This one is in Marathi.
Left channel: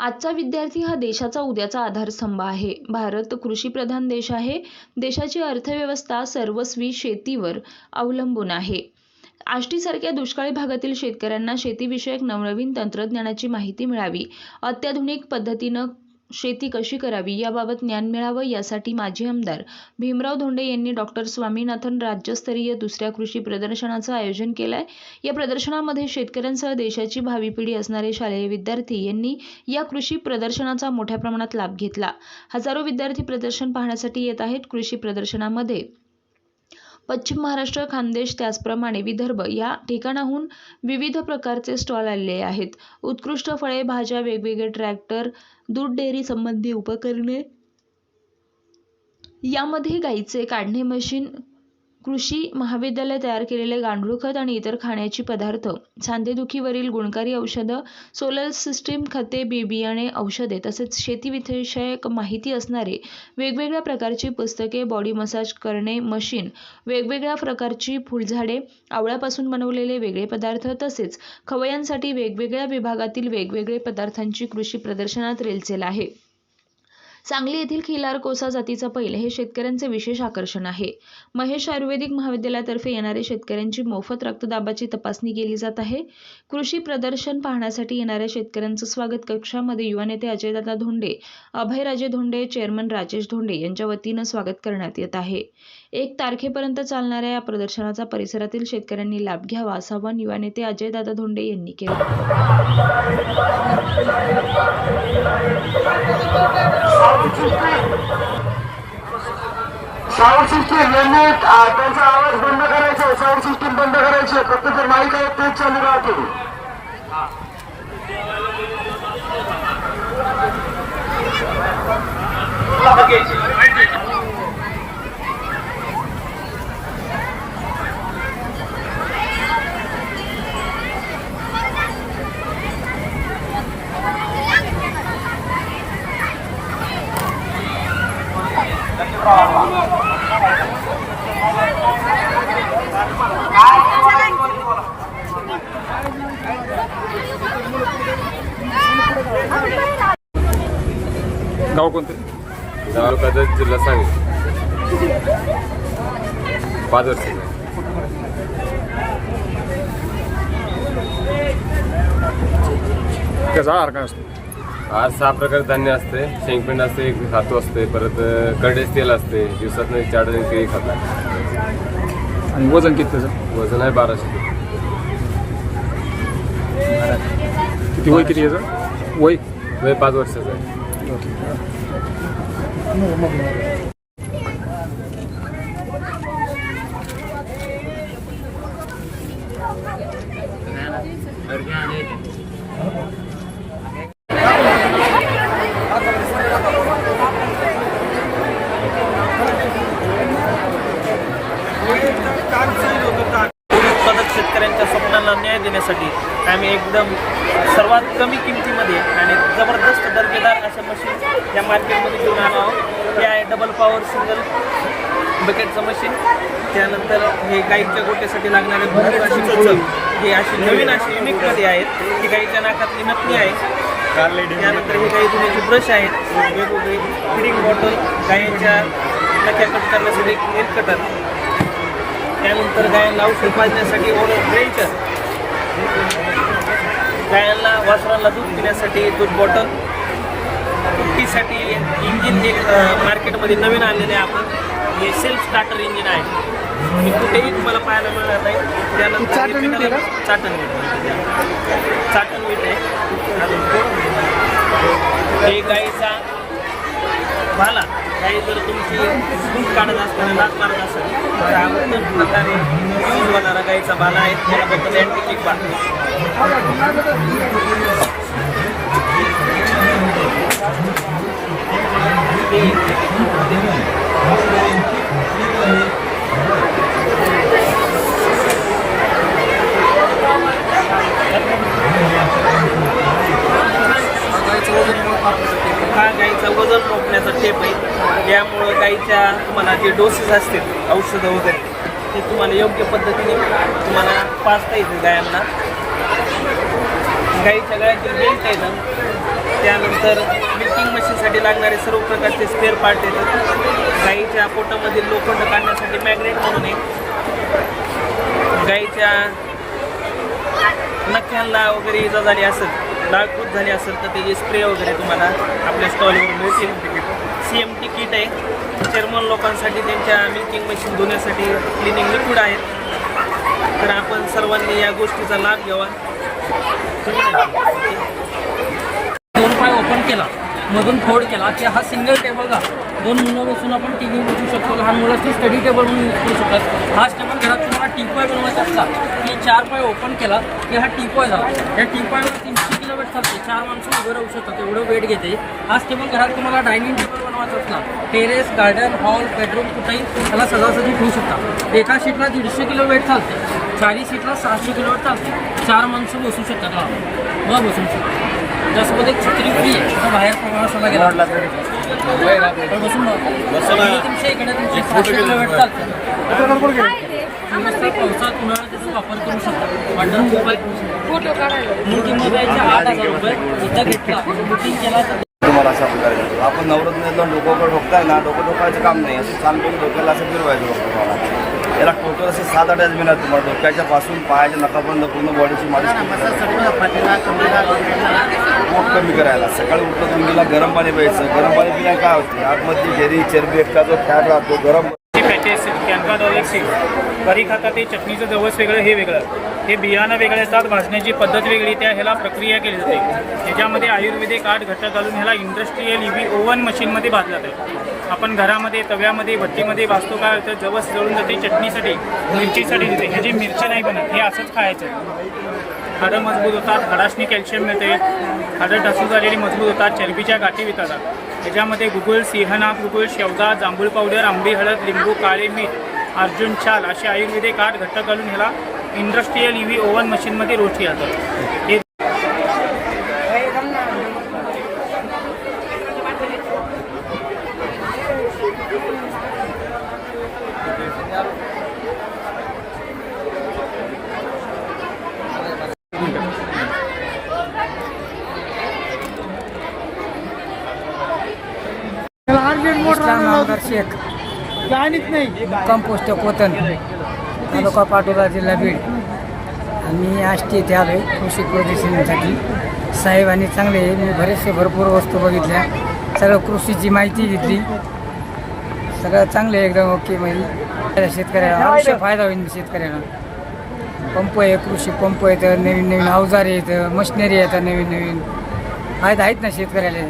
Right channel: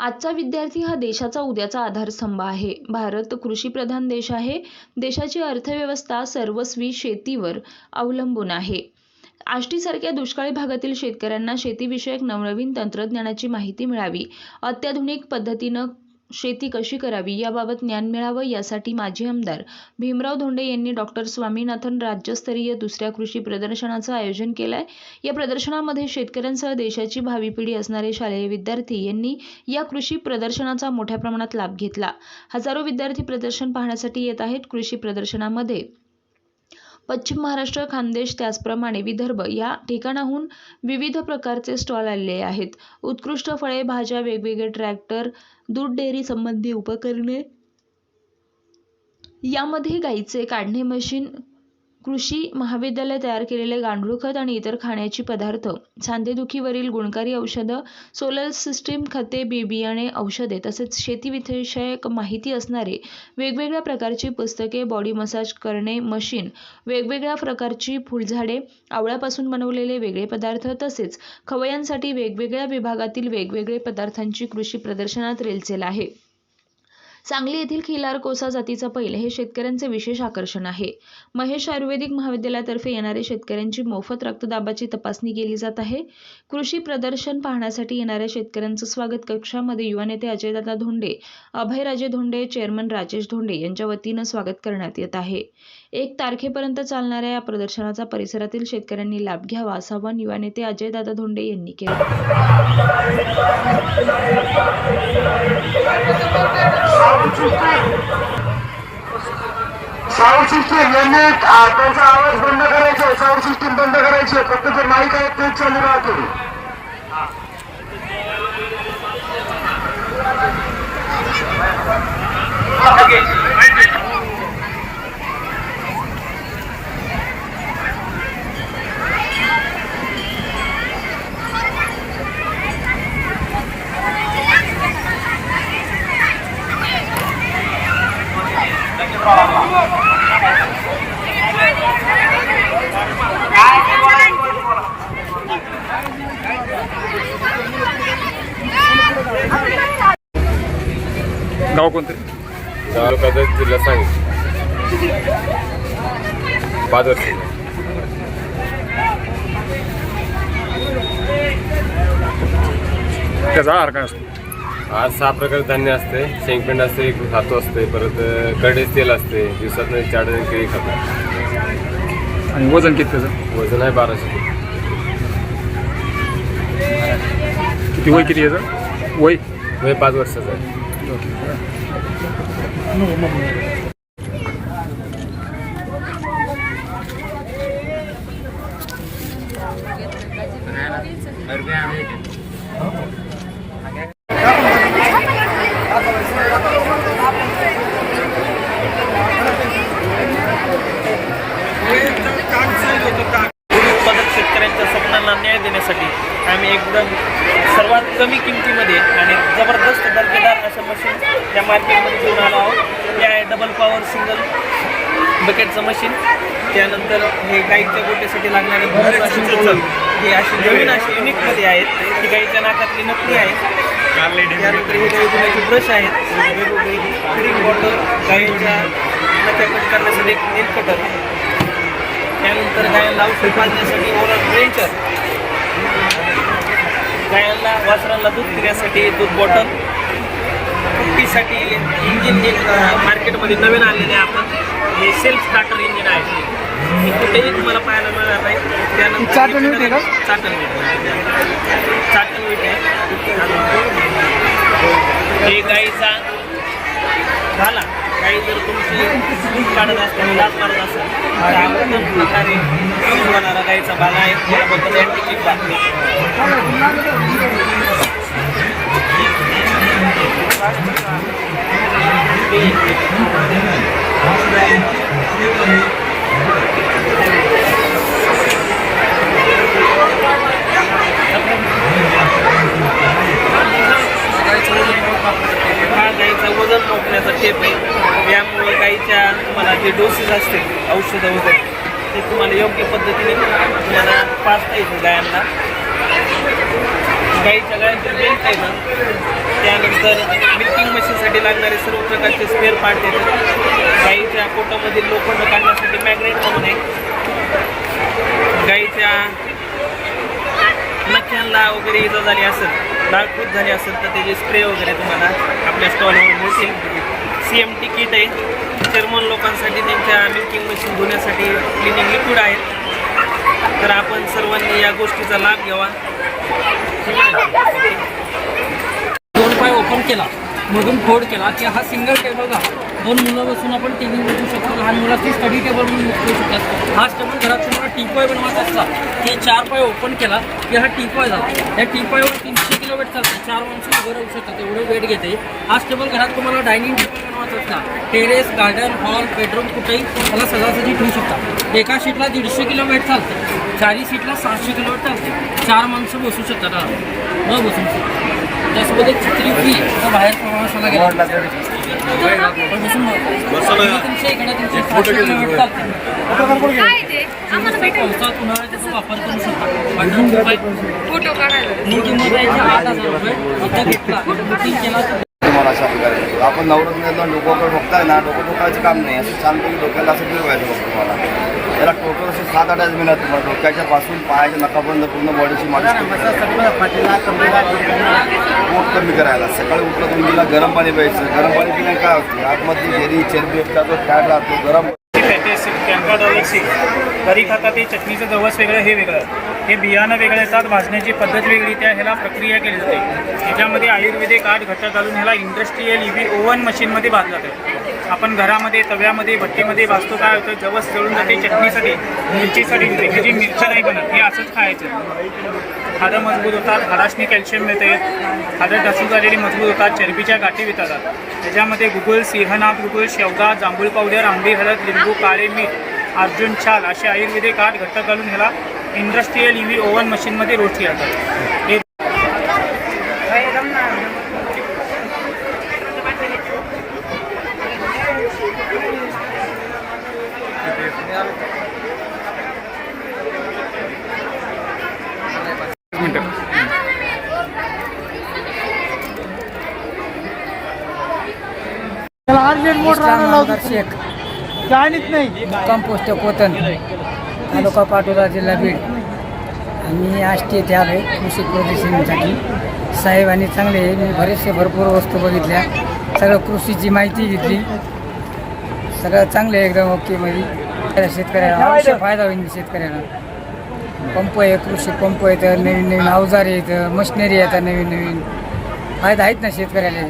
आजचा विद्यार्थी हा देशाचा उद्याचा आधारस्तंभ आहे. भारत कृषीप्रधान देश आहे. देशाची अर्थव्यवस्था सर्वस्वी शेतीवर अवलंबून आहे. आष्टीसारख्या दुष्काळी भागातील शेतकऱ्यांना शेतीविषयक नवनवीन तंत्रज्ञानाची माहिती मिळावी. अत्याधुनिक पद्धतीनं शेती कशी करावी याबाबत ज्ञान मिळावं यासाठी माजी आमदार भीमराव धोंडे यांनी डॉक्टर स्वामीनाथन राज्यस्तरीय दुसऱ्या कृषी प्रदर्शनाचं आयोजन केलं आहे या प्रदर्शनामध्ये शेतकऱ्यांसह देशाची भावी पिढी असणारे शालेय विद्यार्थी यांनी या कृषी प्रदर्शनाचा मोठ्या प्रमाणात लाभ घेतला. हजारो विद्यार्थी प्रदर्शन पाहण्यासाठी येत आहेत. कृषी प्रदर्शनामध्ये पश्चिम महाराष्ट्र खानदेश त्याचप्रमाणे विदर्भ या ठिकाणाहून विविध प्रकारचे स्टॉल आलेले आहेत. उत्कृष्ट फळे भाज्या वेगवेगळे ट्रॅक्टर दूध डेअरी संबंधी उपकरणे यामध्ये गाईचे काढणे मशीन कृषी महाविद्यालय तयार केलेले गांडूळ खत आणि इतर खाण्याची पदार्थ सांधेदुखीवरील गुणकारी औषधं सोलर सिस्टीम खते बी बियाणे औषधे तसेच शेतीविषयक माहिती असणारे वेगवेगळ्या प्रकारची पुस्तके बॉडी मसाज करणे मशीन वेगवेगळ्या प्रकारची फुलझाडे आवळ्यापासून बनवलेले वेगळे पदार्थ तसेच खवयांसाठी वेगवेगळ्या विभागातील वेगवेगळे पदार्थांची कृषी प्रदर्शनात रेलचेल आहे. सांगली येथील खिलार कोसा जातीचा बैल हे शेतकऱ्यांचे विशेष आकर्षण आहे. महेश आयुर्वेदिक महाविद्यालयातर्फे येणारे शेतकऱ्यांची मोफत रक्तदाबाची तपासणी केली जात आहे. कृषी प्रदर्शन पाहण्यासाठी येणाऱ्या शेतकऱ्यांचं स्वागत कक्षामध्ये युवा नेते अजयदादा धोंडे अभयराजे धोंडे चेअरमन राजेश धोंडे यांच्या वतीनं स्वागत करण्यात येत आहे. एक तारखेपर्यंत चालणाऱ्या या प्रदर्शनाचा परिसरातील शेतकऱ्यांनी लाभ घ्यावा असं आवाहन युवा नेते अजयदादा धोंडे यांनी केलं. साऊंड सिस्टीम यांनी त्यांचा आवाज बंद करायचा आहे. साऊंड सिस्टीम बंद करायची आहे फक्त जे माईक आहे तेच चालू राहतील गाव कोणते? तालुक्याचा जिल्हा सांगली. पाच वर्ष. त्याचा आहार काय असतो? आज सहा प्रकारचे धान्य असते. शेंगपेंड असते एक खातो असते परत कडेच तेल असते. दिवसात चार डझन केळी खातो आणि वजन किती त्याचं? वजन आहे बाराशे. किती वय किती याचं? वय? वय पाच वर्षाचं आहे. Ну, умовно. आम्ही एकदम सर्वात कमी किमतीमध्ये आणि जबरदस्त दर्जेदार असं मशीन या मार्केटमध्ये घेऊन आलो आहोत. हे आहे डबल पॉवर सिंगल बकेटचं मशीन त्यानंतर हे गाईच्या गोट्यासाठी लागणारे भरपूर अशी हे अशी नवीन अशी युनिकमध्ये आहेत. ही गाईच्या नाकातली नकली आहे. त्यानंतर हे गाई धुण्याचे ब्रश आहेत. वेगवेगळी फिडिंग बॉटल गायींच्या नख्या कट करण्यासाठी एक नेल कटर त्यानंतर गायांना औषध पाजण्यासाठी ओरल ड्रेंचर गायांना वासरांना दूध पिण्यासाठी दूध बॉटल कुट्टीसाठी इंजिन अ, मार्केटमध्ये नवीन आलेले आहे आपण हे सेल्फ स्टार्टर इंजिन आहे. हे कुठेही तुम्हाला पाहायला मिळणार नाही. त्यानंतर चाटण वीट आहे चाटण वीट आहे. हे गाईचा भाला काही जर तुमची दूध काढत असताना दात मारत असेल तर हा उत्तम प्रकारे यूज होणारा गाईचा बाला आहे. त्याला बोलतात अँटिकिक बा हा गाईचा वजन मोजण्याचा टेप आहे. यामुळं गाईच्या तुम्हाला जे डोसेस असतील औषधं वगैरे ते तुम्हाला योग्य पद्धतीने तुम्हाला पाचता येतील गायांना. गाईच्या गळ्यातील बेल्ट येतं त्यानंतर मिल्किंग मशीनसाठी लागणारे सर्व प्रकारचे स्पेअर पार्ट येतात. गाईच्या पोटामधील लोखंड काढण्यासाठी मॅग्नेट म्हणून आहे. गाईच्या नख्यांना वगैरे इजा झाली असेल डाळखूट झाली असेल तर त्याचे स्प्रे वगैरे तुम्हाला आपल्या स्टॉलवर मिळतील. सी एम टी किट आहे. चेअरमन लोकांसाठी त्यांच्या मिल्किंग मशीन धुण्यासाठी क्लिनिंग लिक्विड आहेत. तर आपण सर्वांनी या गोष्टीचा लाभ घ्यावा. दोन पाय ओपन केला मधून फोड केला. की हा सिंगल टेबल का दोन मुलं बसून आपण टी व्ही बघू शकतो. लहान मुलाची स्टडी टेबल म्हणून यूज करू शकतात. हाच टेबल घरात तुम्हाला टीपॉय बनवायचा असला की चार पाय ओपन केला की हा टीपॉय झाला. या टीपॉयवर तीनशे वेट चालते चार माणसं उभं राहू शकतात एवढं वेट घेते. आज टेबल घरात तुम्हाला डायनिंग टेबल बनवायचं असला टेरेस गार्डन हॉल बेडरूम कुठेही त्याला सजासजी ठेवू शकता. एका सीटला दीडशे किलो वेट चालते चारही सीटला सहाशे किलो वेट चालते. चार माणसं बसू शकतात. मग बसू शकतात. त्यासोबत एक छत्री फ्री आहे. तर बाहेर प्रवासाला गेला. फोटो काढायला तर तुम्हाला अशा प्रकारे आपण नवरत्न लोकांकडे ठोकताय ना डोकं ठोकायचं काम नाही. असं छानपैकी डोक्याला असं फिरवायचं बघ तुम्हाला. याला टोटल असे सात आठ मिळणार तुम्हाला डोक्याच्या पासून पायाच्या नकापर्यंत पूर्ण बॉडीची मालिश पोट कमी करायला. सकाळी उठलं तुम्हाला गरम पाणी प्यायचं. गरम पाणी पिल्याने काय होते? आतमधली झेरी चरबी जो फॅट राहतो गरम कॅनका डॉलर सिक्स घरी खातात ते चटणीचं जवस वेगळं हे वेगळं. हे बियाणं वेगळं येतात भाजण्याची पद्धत वेगळी त्या ह्याला प्रक्रिया केली जाते. ह्याच्यामध्ये आयुर्वेदिक आठ घटक घालून ह्याला इंडस्ट्रीयल इव्ही ओव्हन मशीनमध्ये भाजलं जातं. आपण घरामध्ये तव्यामध्ये भट्टीमध्ये भाजतो काय होतं जवस जळून जाते चटणीसाठी मिरचीसाठी हे ह्याची मिरच्या नाही बनत हे असंच खायचं. हाडं मजबूत होतात हाडाशनी कॅल्शियम मिळते हाडं ढसू झालेली मजबूत होतात चरबीच्या गाठी वितळतात. त्याच्यामध्ये गुगुल सिंहनाग गुगुल शेवगा जांभूळ पावडर आंबी हळद लिंबू काळे मीठ अर्जुन छाल असे आयुर्वेदिक आठ घटक घालून ह्याला इंडस्ट्रीयल व्ही ओव्हन मशीनमध्ये रोटी येतात हे मिनटं इस्लाम नामदार शेख. मुक्काम पोस्ट कोतन तालुका पाटोदा जिल्हा बीड. आम्ही आष्टी येथे आलो आहे कृषी प्रदर्शनासाठी. साहेबांनी चांगले मी बरेचसे भरपूर वस्तू बघितल्या. सगळं कृषीची माहिती घेतली. सगळं चांगलं आहे एकदम ओके म्हणजे शेतकऱ्याला अवश्य फायदा होईल शेतकऱ्याला. पंप आहे कृषी पंप आहेत नवीन नवीन अवजार आहेत मशिनरी आहेत नवीन नवीन. फायदा आहेत ना शेतकऱ्याला?